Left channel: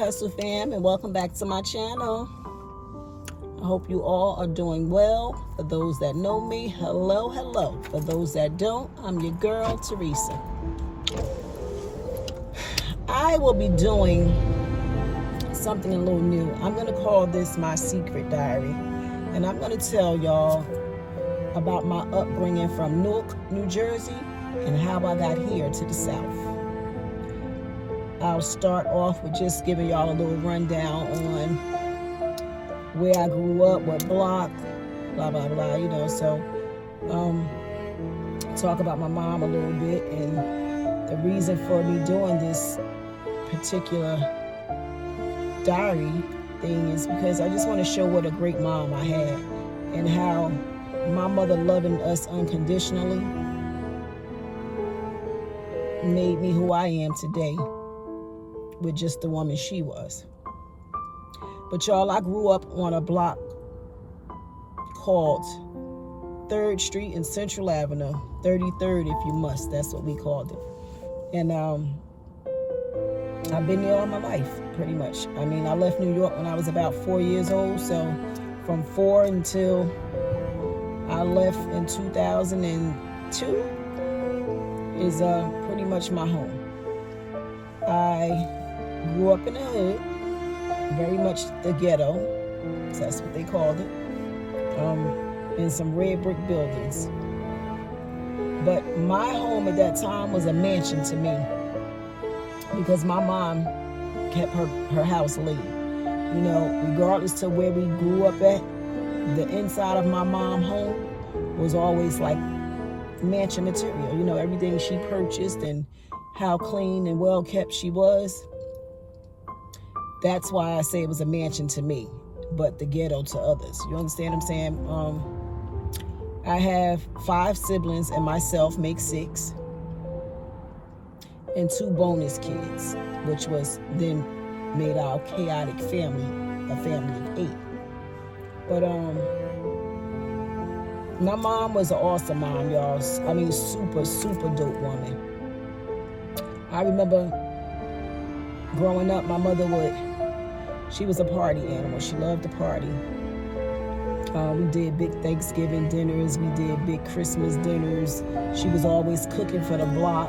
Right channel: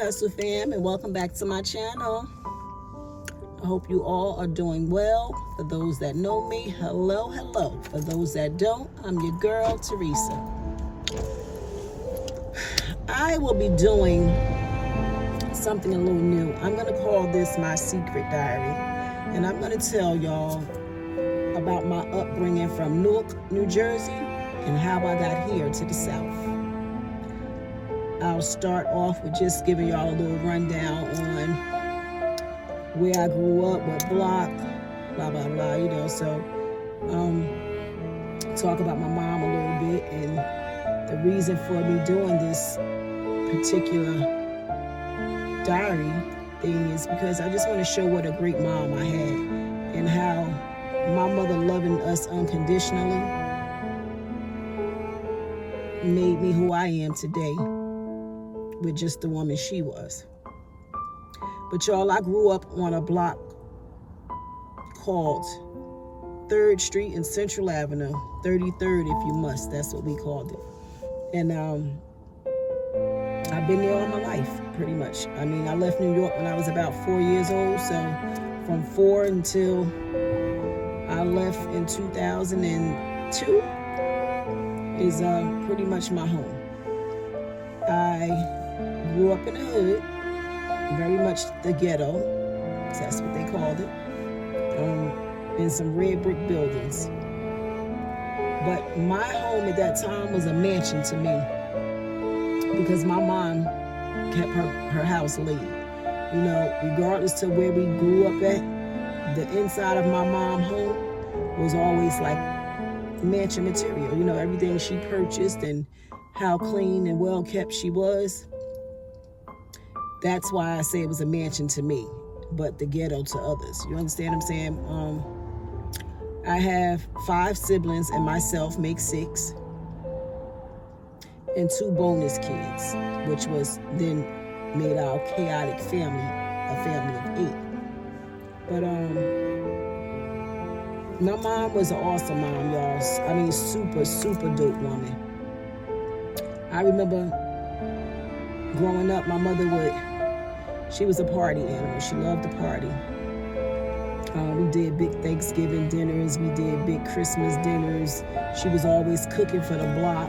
Hustle fam, and welcome back to my channel. I hope you all are doing well. For those that know me, hello. For those that don't, I'm your girl, Teresa. I will be doing something a little new. I'm going to call this my secret diary, and I'm going to tell y'all about my upbringing from Newark, New Jersey, and how I got here to the South. I'll start off with just giving y'all a little rundown on where I grew up, what block, blah, blah, blah, so talk about my mom a little bit, and the reason for me doing this particular diary thing is because I just want to show what a great mom I had and how my mother loving us unconditionally made me who I am today with just the woman she was. But y'all, I grew up on a block called 3rd Street and Central Avenue, 33rd if you must, that's what we called it. And I've been there all my life, pretty much. I mean, I left New York when I was about 4 years old, so from 4 until I left in 2002 is pretty much my home. I grew up in the hood, very much the ghetto, that's what they called it, in some red brick buildings. But my home at that time was a mansion to me because my mom kept her house lit. Regardless to where we grew up at, the inside of my mom's home was always like mansion material. Everything she purchased and how clean and well kept she was. That's why I say it was a mansion to me, but the ghetto to others. You understand what I'm saying? I have 5 siblings and myself makes 6. And 2 bonus kids, which was then made our chaotic family, a family of 8. But my mom was an awesome mom, y'all. I mean, super, super dope woman. I remember growing up, my mother she was a party animal. She loved to party. We did big Thanksgiving dinners. We did big Christmas dinners. She was always cooking for the block.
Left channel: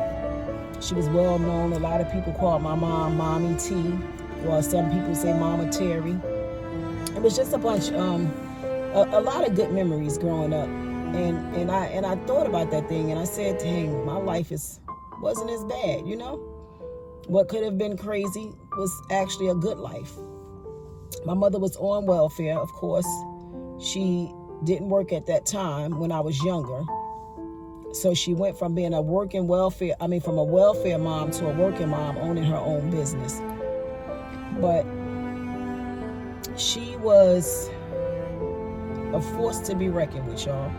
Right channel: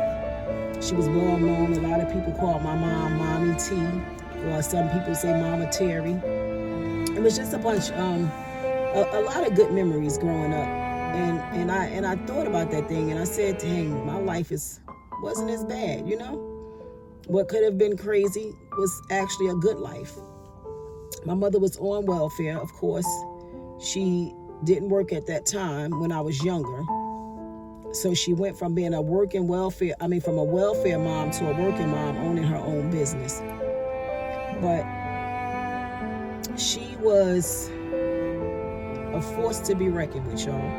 She was well known. A lot of people called my mom Mommy T, or some people say Mama Terry. It was just a bunch, a lot of good memories growing up. And I thought about that thing, and I said, dang, my life wasn't as bad, What could have been crazy was actually a good life. My mother was on welfare, of course. She didn't work at that time when I was younger. So she went from being from a welfare mom to a working mom owning her own business. But she was a force to be reckoned with, y'all.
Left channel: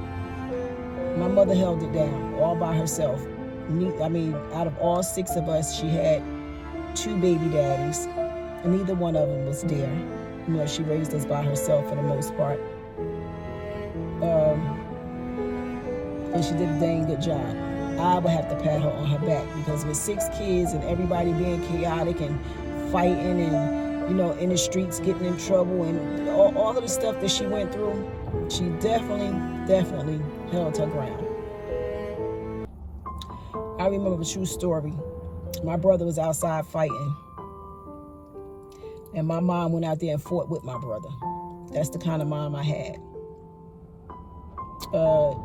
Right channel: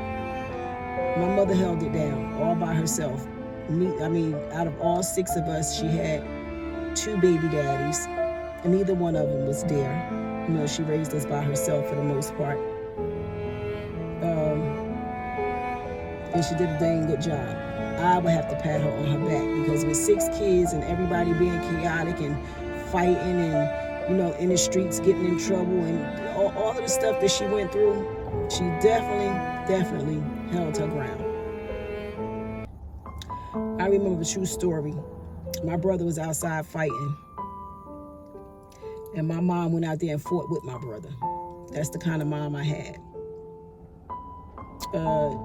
My mother held it down all by herself. Out of all 6 of us, she had 2 baby daddies, and neither one of them was there. She raised us by herself for the most part. And she did a dang good job. I would have to pat her on her back because with 6 kids and everybody being chaotic and fighting and, in the streets getting in trouble and all of the stuff that she went through, she definitely held her ground. I remember a true story. My brother was outside fighting, and my mom went out there and fought with my brother. That's the kind of mom I had.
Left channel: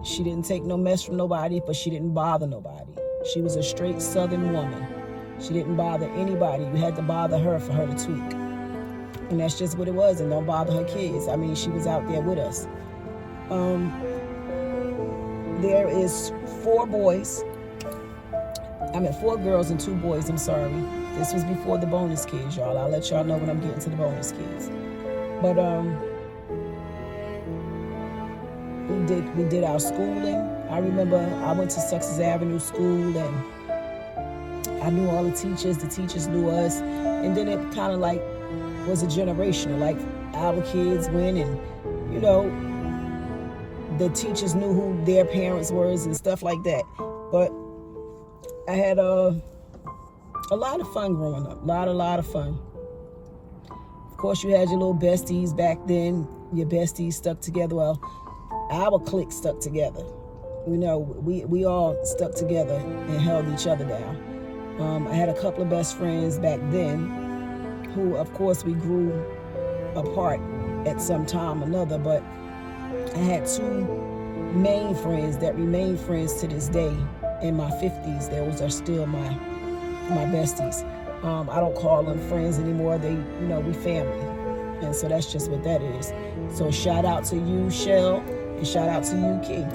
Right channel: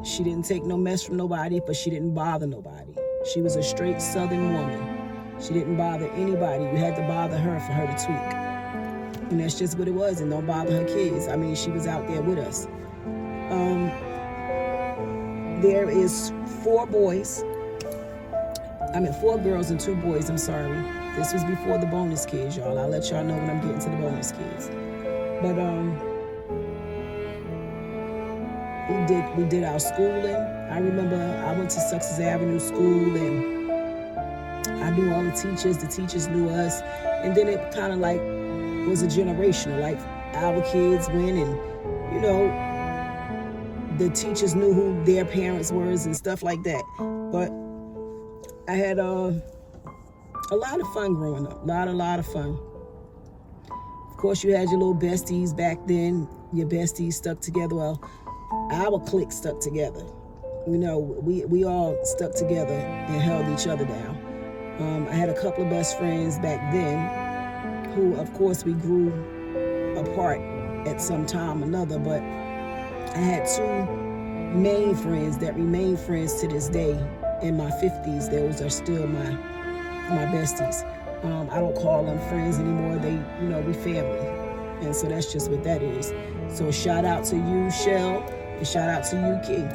She didn't take no mess from nobody, but she didn't bother nobody. She was a straight Southern woman. She didn't bother anybody. You had to bother her for her to tweak. And that's just what it was, and don't bother her kids. She was out there with us. There is 4 girls and 2 boys, I'm sorry. This was before the bonus kids, y'all. I'll let y'all know when I'm getting to the bonus kids. But we did our schooling. I remember I went to Success Avenue School, and I knew all the teachers knew us, and then it kind of like was a generational, like our kids went, and the teachers knew who their parents were and stuff like that. But I had a lot of fun growing up, a lot of fun. Of course, you had your little besties back then. Your besties stuck together. Well, our clique stuck together. You know, we all stuck together and held each other down. I had a couple of best friends back then who, of course, we grew apart at some time or another, but I had two main friends that remain friends to this day in my 50s. Those are still my besties. I don't call them friends anymore. They, we family. And so that's just what that is. So shout out to you, Shell, and shout out to you, Key.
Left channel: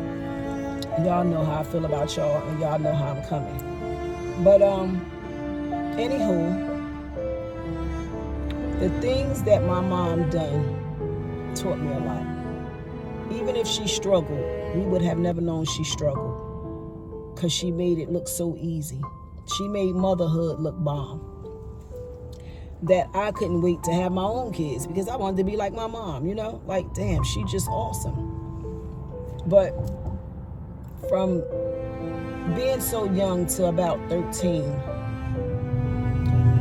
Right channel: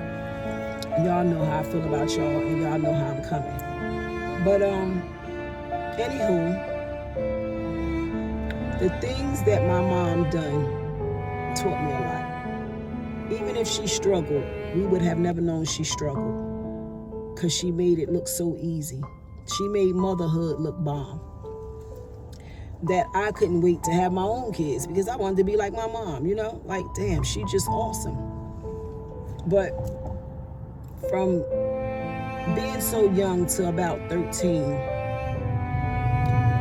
Y'all know how I feel about y'all, and y'all know how I'm coming. But anywho, the things that my mom done taught me a lot. Even if she struggled, we would have never known she struggled, because she made it look so easy. She made motherhood look bomb. That I couldn't wait to have my own kids, because I wanted to be like my mom, like, damn, she just awesome. But from being so young to about 13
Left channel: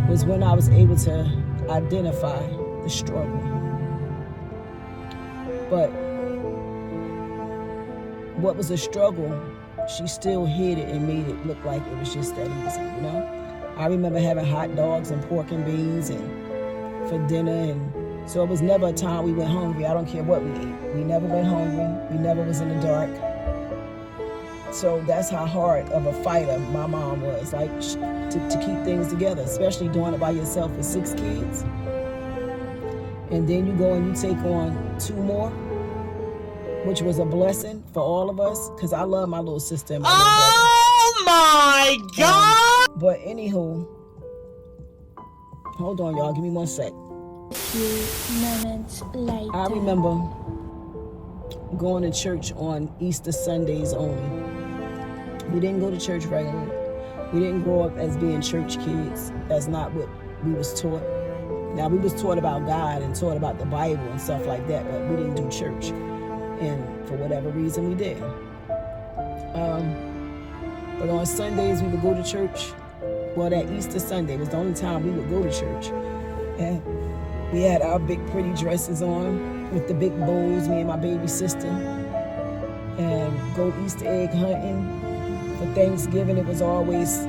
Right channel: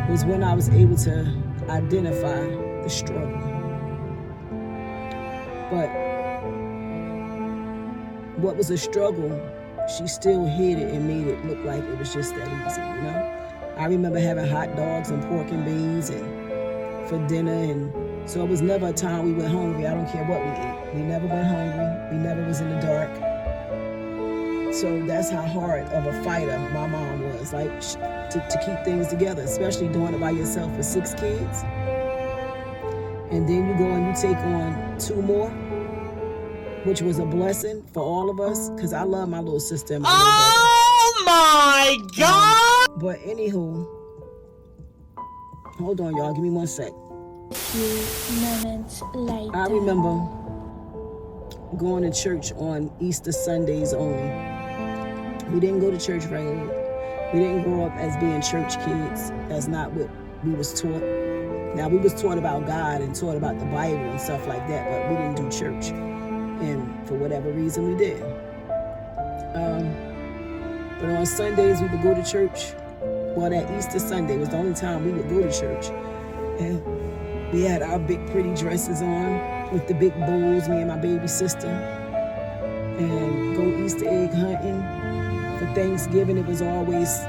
was when I was able to identify the struggle. But what was a struggle, she still hid it and made it look like it was just that easy, I remember having hot dogs and pork and beans and for dinner, and so it was never a time we went hungry. I don't care what we ate. We never went hungry. We never was in the dark. So that's how hard of a fighter my mom was, like, to keep things together, especially doing it by yourself with 6 kids. And then you go and you take on 2 more, which was a blessing for all of us, because I love my little sister and my little brother. Oh my God! But anywho, hold on, y'all. Give me 1 sec. A few minutes later. I remember going to church on Easter Sundays only. We didn't go to church regularly. We didn't grow up as being church kids. That's not what we was taught. Now, we was taught about God and taught about the Bible and stuff like that, but we didn't do church. And for whatever reason, we did. But on Sundays, we would go to church. Well, that Easter Sunday was the only time we would go to church. And we had our big pretty dresses on with the big bows, me and my baby sister. And go Easter egg hunting. For Thanksgiving, it was always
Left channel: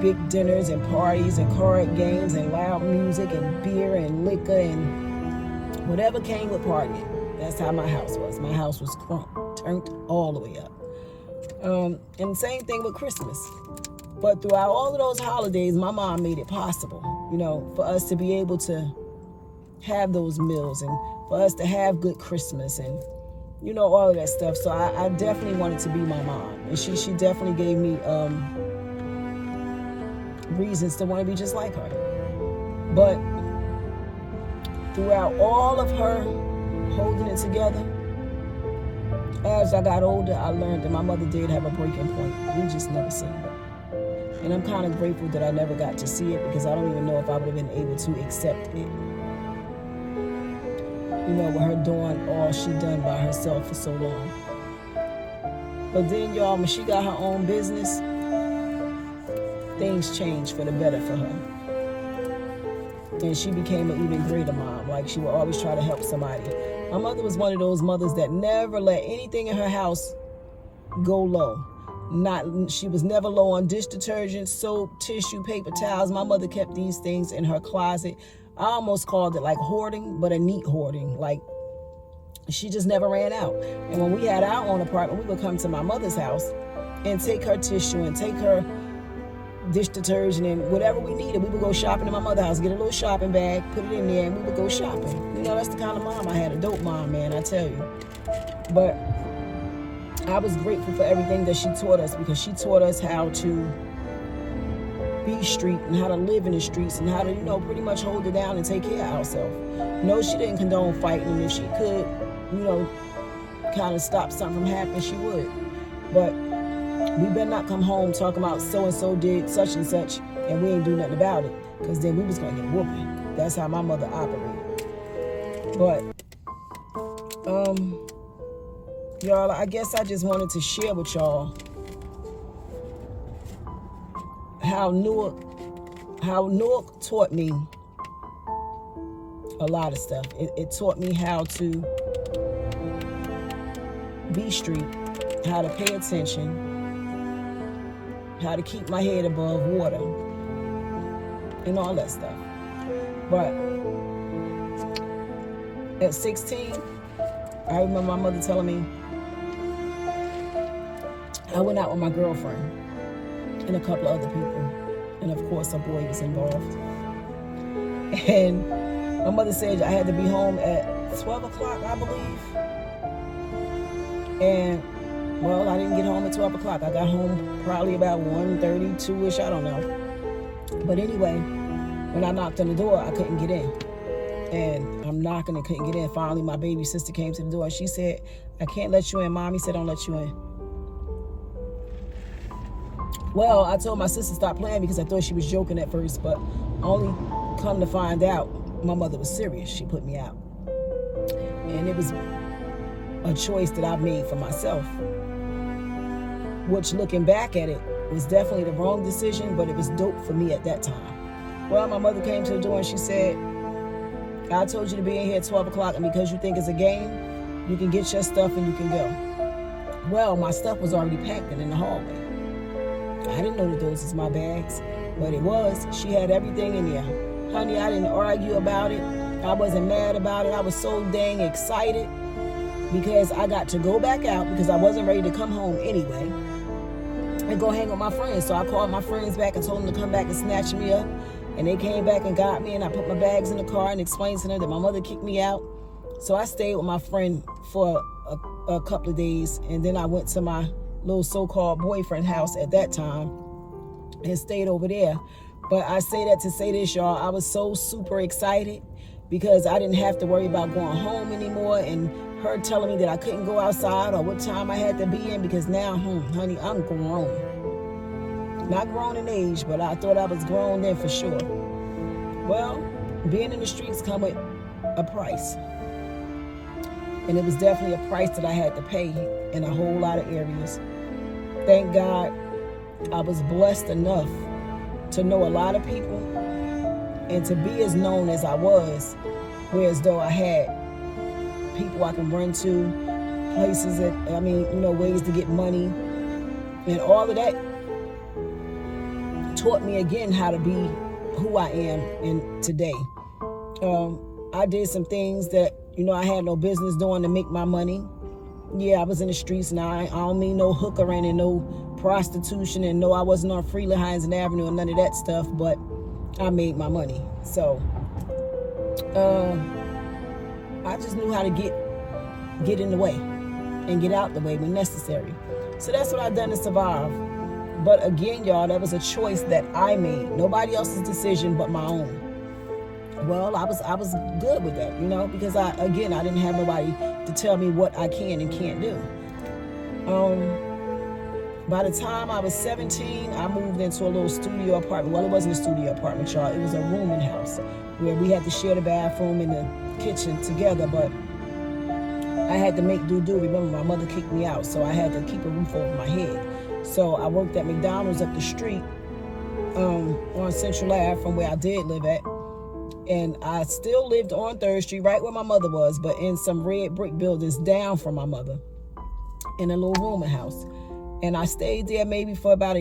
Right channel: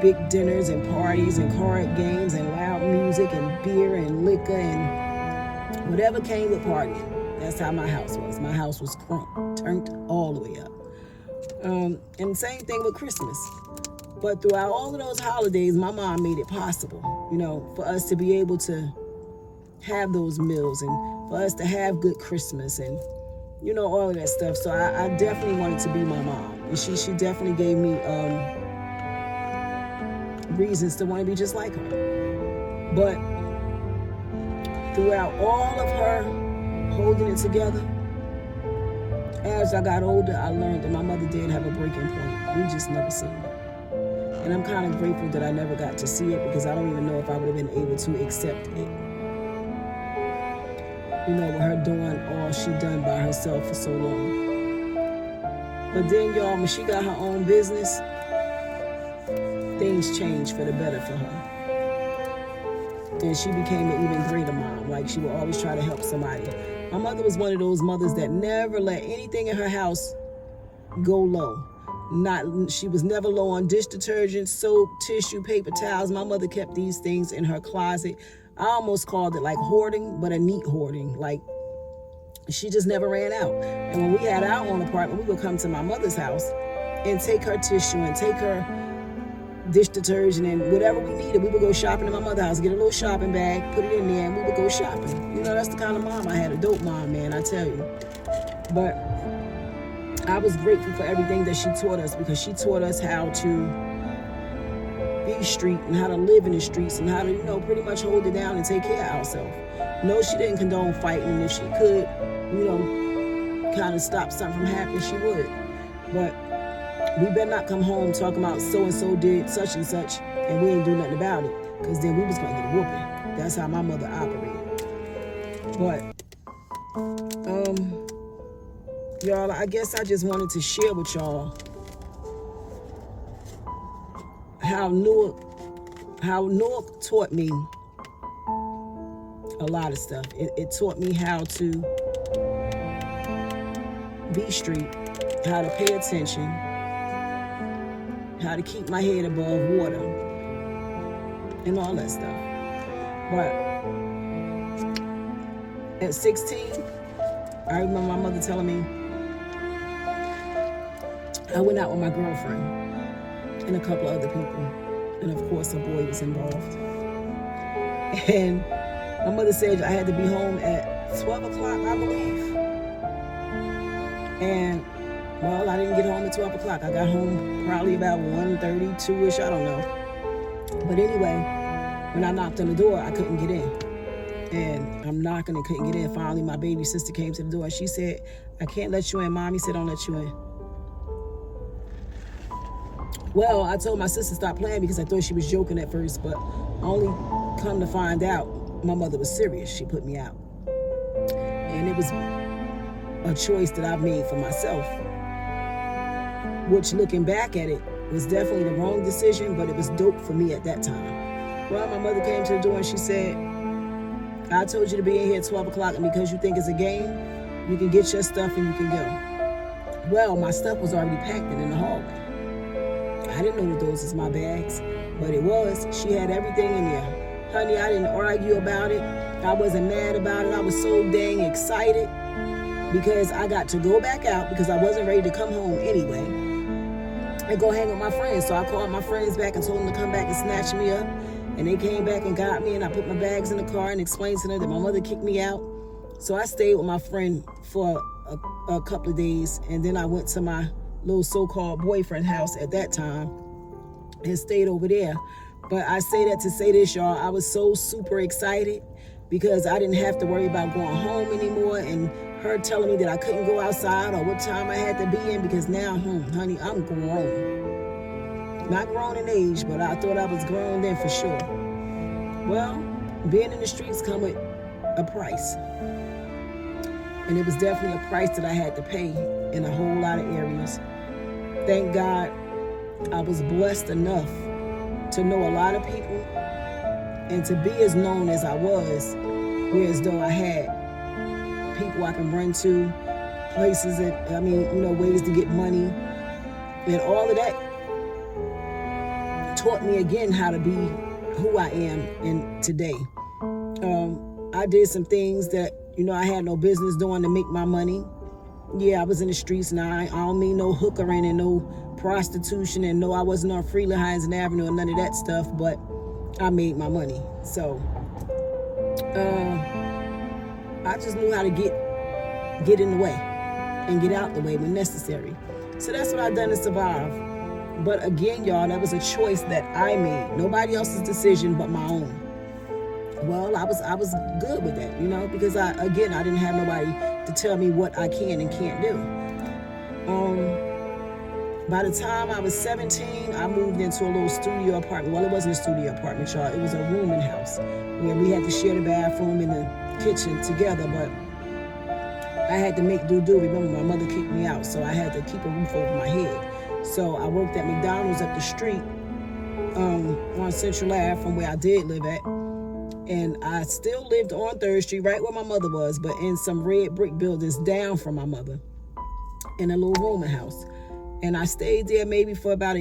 big dinners and parties and card games and loud music and beer and liquor and whatever came with partying. That's how my house was. My house was turned all the way up. And same thing with Christmas. But throughout all of those holidays, my mom made it possible, for us to be able to have those meals and for us to have good Christmas and, all of that stuff. So I definitely wanted to be my mom. And she definitely gave me reasons to want to be just like her. But throughout all of her holding it together, as I got older, I learned that my mother did have a breaking point. We just never seen it. And I'm kind of grateful that I never got to see it, because I don't even know if I would have been able to accept it. With her doing all she done by herself for so long. But then, y'all, when she got her own business, things changed for the better for her. And she became an even greater mom. Like, she would always try to help somebody. My mother was one of those mothers that never let anything in her house go low. She was never low on dish detergent, soap, tissue, paper towels. My mother kept these things in her closet. I almost called it like hoarding, but a neat hoarding. Like, she just never ran out. And when we had our own apartment, we would come to my mother's house and take her tissue and take her dish detergent and whatever we needed. We would go shopping in my mother's house, get a little shopping bag, put it in there, and we would go shopping. That's the kind of mom I had. A dope mom, man, I tell you. But I was grateful for everything that she taught us, because she taught us how to be street and how to live in the streets and how to, pretty much hold it down and take care of ourselves. No, she didn't condone fighting, and if she could, kind of stop something from happening, she would. But we better not come home talking about so-and-so did such and such, and we ain't do nothing about it, because then we was going to get a whooping. That's how my mother operated. But, y'all, I guess I just wanted to share with y'all how Newark taught me a lot of stuff. It taught me how to be street, how to pay attention, how to keep my head above water, and all that stuff. But at 16, I remember my mother telling me, I went out with my girlfriend and a couple of other people. And of course, a boy was involved. And my mother said I had to be home at 12 o'clock, I believe. And, well, I didn't get home at 12 o'clock. I got home probably about 1:30, 2-ish, I don't know. But anyway, when I knocked on the door, I couldn't get in. And I'm knocking and couldn't get in. Finally, my baby sister came to the door and she said, I can't let you in. Mommy said, don't let you in. Well, I told my sister to stop playing because I thought she was joking at first, but only come to find out, my mother was serious. She put me out. And it was a choice that I made for myself, which, looking back at it, was definitely the wrong decision, but it was dope for me at that time. Well, my mother came to the door and she said, I told you to be in here at 12 o'clock, and because you think it's a game, you can get your stuff and you can go. Well, my stuff was already packed in the hallway. I didn't know that those was my bags, but it was. She had everything in there. Honey, I didn't argue about it. I wasn't mad about it. I was so dang excited because I got to go back out because I wasn't ready to come home anyway and go hang with my friends. So I called my friends back and told them to come back and snatch me up. And they came back and got me, and I put my bags in the car and explained to them that my mother kicked me out. So I stayed with my friend for a couple of days, and then I went to my little so-called boyfriend house at that time and stayed over there. But I say that to say this, y'all. I was so super excited because I didn't have to worry about going home anymore and her telling me that I couldn't go outside or what time I had to be in, because now, honey, I'm grown. Not grown in age, but I thought I was grown then for sure. Well, being in the streets come with a price. And it was definitely a price that I had to pay in a whole lot of areas. Thank God I was blessed enough to know a lot of people and to be as known as I was, whereas though I had people I can run to, places that, ways to get money, and all of that taught me again how to be who I am in today. I did some things that, I had no business doing to make my money. Yeah, I was in the streets, and I don't mean no hookering and no prostitution, and no, I wasn't on Freeland Hines and Avenue and none of that stuff, but I made my money. So, I just knew how to get in the way and get out the way when necessary. So that's what I've done to survive. But again, y'all, that was a choice that I made. Nobody else's decision but my own. Well, I was good with that, because I didn't have nobody to tell me what I can and can't do. By the time I was 17, I moved into a little studio apartment. Well, it wasn't a studio apartment, y'all. It was a rooming house where we had to share the bathroom and the kitchen together, but I had to make do. Remember, my mother kicked me out, so I had to keep a roof over my head. So I worked at McDonald's up the street on Central Ave from where I did live at. And I still lived on 3rd Street, right where my mother was, but in some red brick buildings down from my mother, in a little rooming house. And I stayed there maybe for about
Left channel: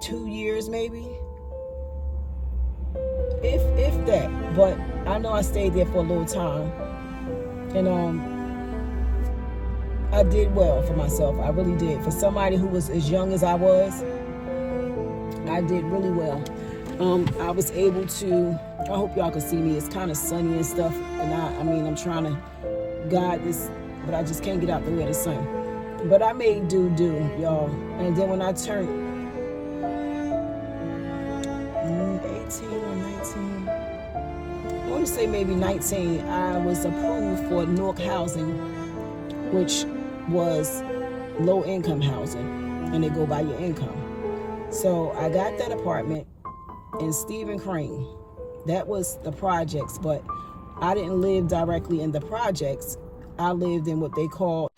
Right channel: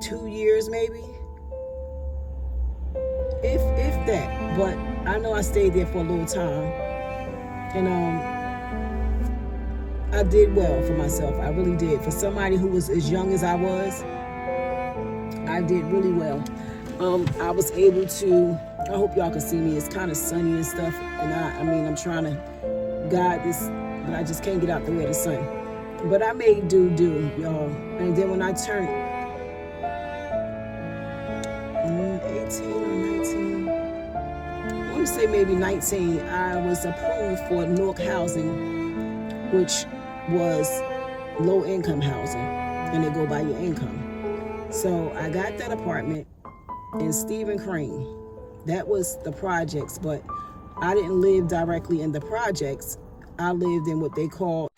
2 years, maybe. If that. But I know I stayed there for a little time. And I did well for myself. I really did. For somebody who was as young as I was, I did really well. I was able to, I hope y'all can see me. It's kind of sunny and stuff. And I'm trying to guide this, but I just can't get out the way of the sun. But I made do, y'all. And then when I turned 18 or 19, I want to say maybe 19, I was approved for Newark housing, which was low income housing, and they go by your income. So I got that apartment in Stephen Crane. That was the projects, but I didn't live directly in the projects. I lived in what they call